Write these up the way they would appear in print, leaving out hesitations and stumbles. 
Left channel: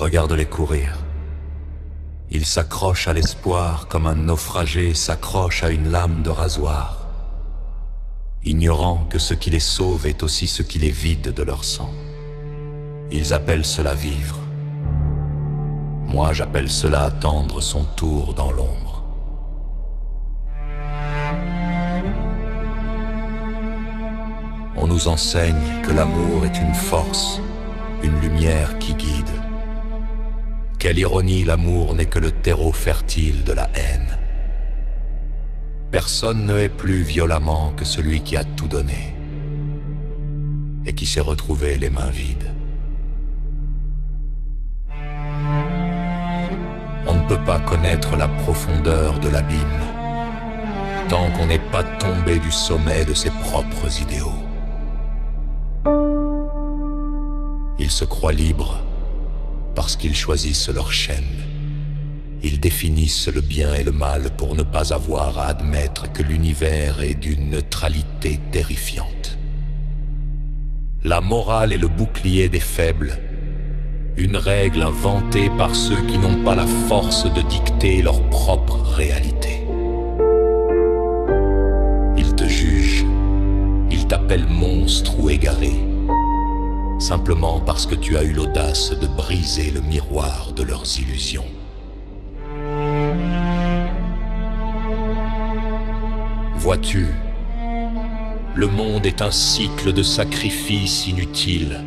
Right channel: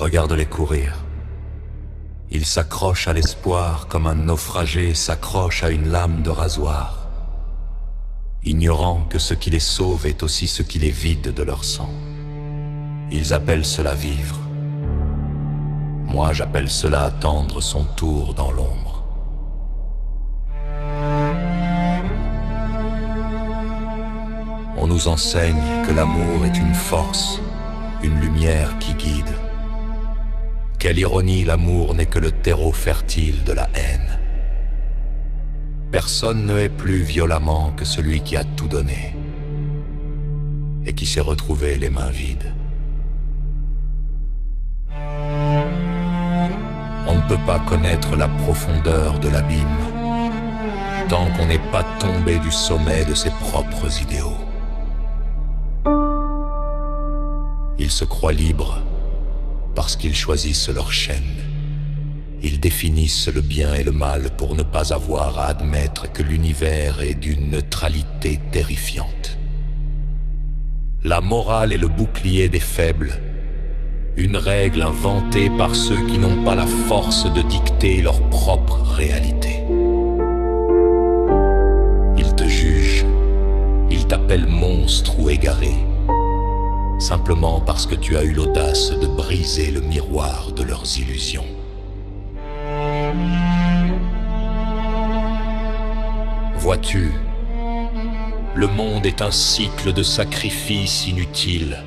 Regarde-les courir. Ils s'accrochent à l'espoir comme un naufragé s'accroche à une lame de rasoir, ignorant que ce qui les sauve est aussi ce qui les vide de leur sang. Ils appellent cela vivre. Moi, j'appelle cela attendre son tour dans l'ombre. On nous enseigne que l'amour est une force, une lumière qui guide. Quelle ironie, l'amour n'est que le terreau fertile de la haine. Personne ne hait plus violemment que celui qui a tout donné et qui s'est retrouvé les mains vides. On ne peut pas connaître la profondeur de l'abîme tant qu'on n'est pas tombé du sommet de ses propres idéaux. Ils se croient libres parce qu'ils choisissent leur chaîne. Ils définissent le bien et le mal pour ne pas avoir à admettre que l'univers est d'une neutralité terrifiante. La morale est le bouclier des faibles, une règle inventée par ceux qui n'ont pas la force de dicter leur propre réalité. Ils te jugent, ils t'appellent monstre ou égaré, simplement parce que tu as eu l'audace de briser le miroir de leurs illusions. Vois-tu, le monde est un cycle de sacrifices inutiles.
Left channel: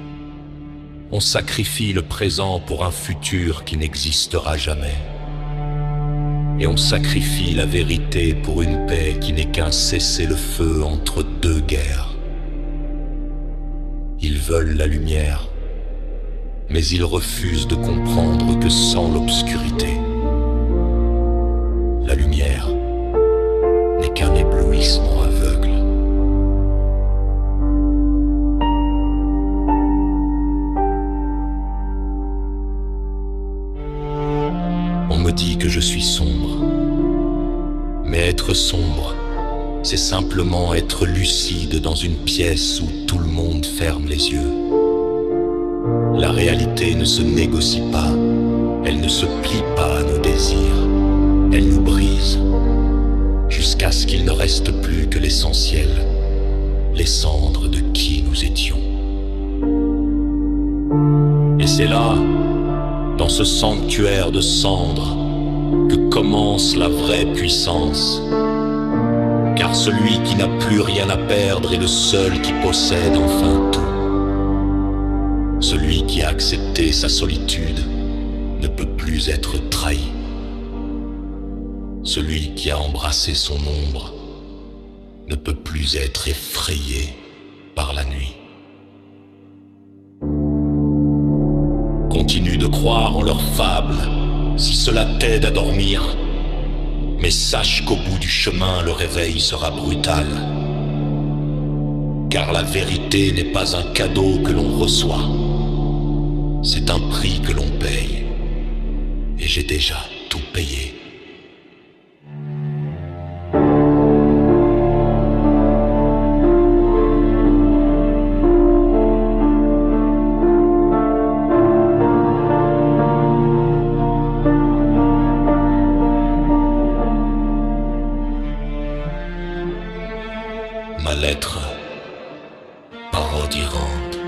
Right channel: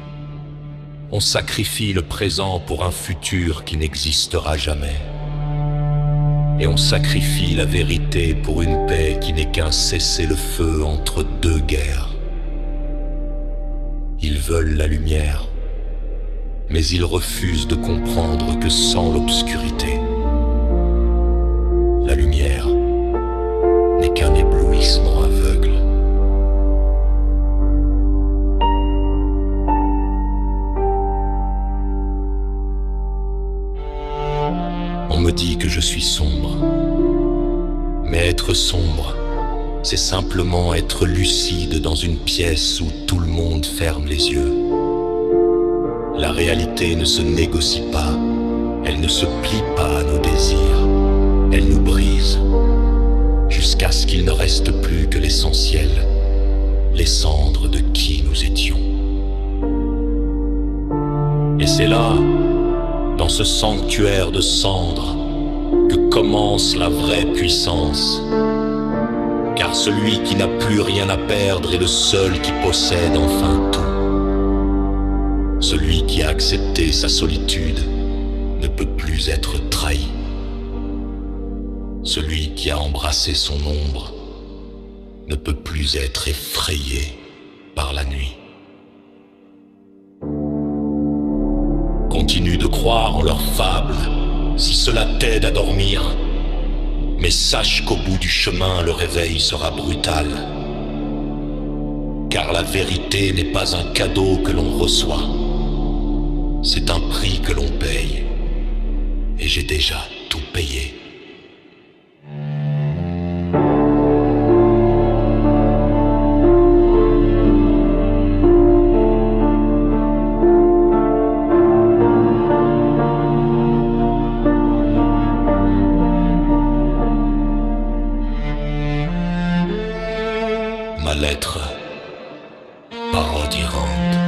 On sacrifie le présent pour un futur qui n'existera jamais. Et on sacrifie la vérité pour une paix qui n'est qu'un cessez-le-feu entre deux guerres. Ils veulent la lumière, mais ils refusent de comprendre que sans l'obscurité, la lumière n'est qu'un éblouissement aveugle. On me dit que je suis sombre, mais être sombre, c'est simplement être lucide dans une pièce où tout le monde ferme les yeux. La réalité ne se négocie pas, elle ne se plie pas à nos désirs, elle nous brise, jusqu'à ce qu'il ne reste plus que l'essentiel, les cendres de qui nous étions. Et c'est là, dans ce sanctuaire de cendres, que commence la vraie puissance. Car celui qui n'a plus rien à perdre est le seul qui possède enfin tout. Celui qui a accepté sa solitude ne peut plus être trahi. Celui qui a embrassé son ombre ne peut plus être effrayé par la nuit. Continue de croire en leurs fables si cela t'aide à dormir. Mais sache qu'au bout du chemin, le réveil sera brutal. Car la vérité n'est pas un cadeau que l'on reçoit. C'est un prix que l'on paye. Et j'ai déjà tout payé. Ma lettre, parodie errante.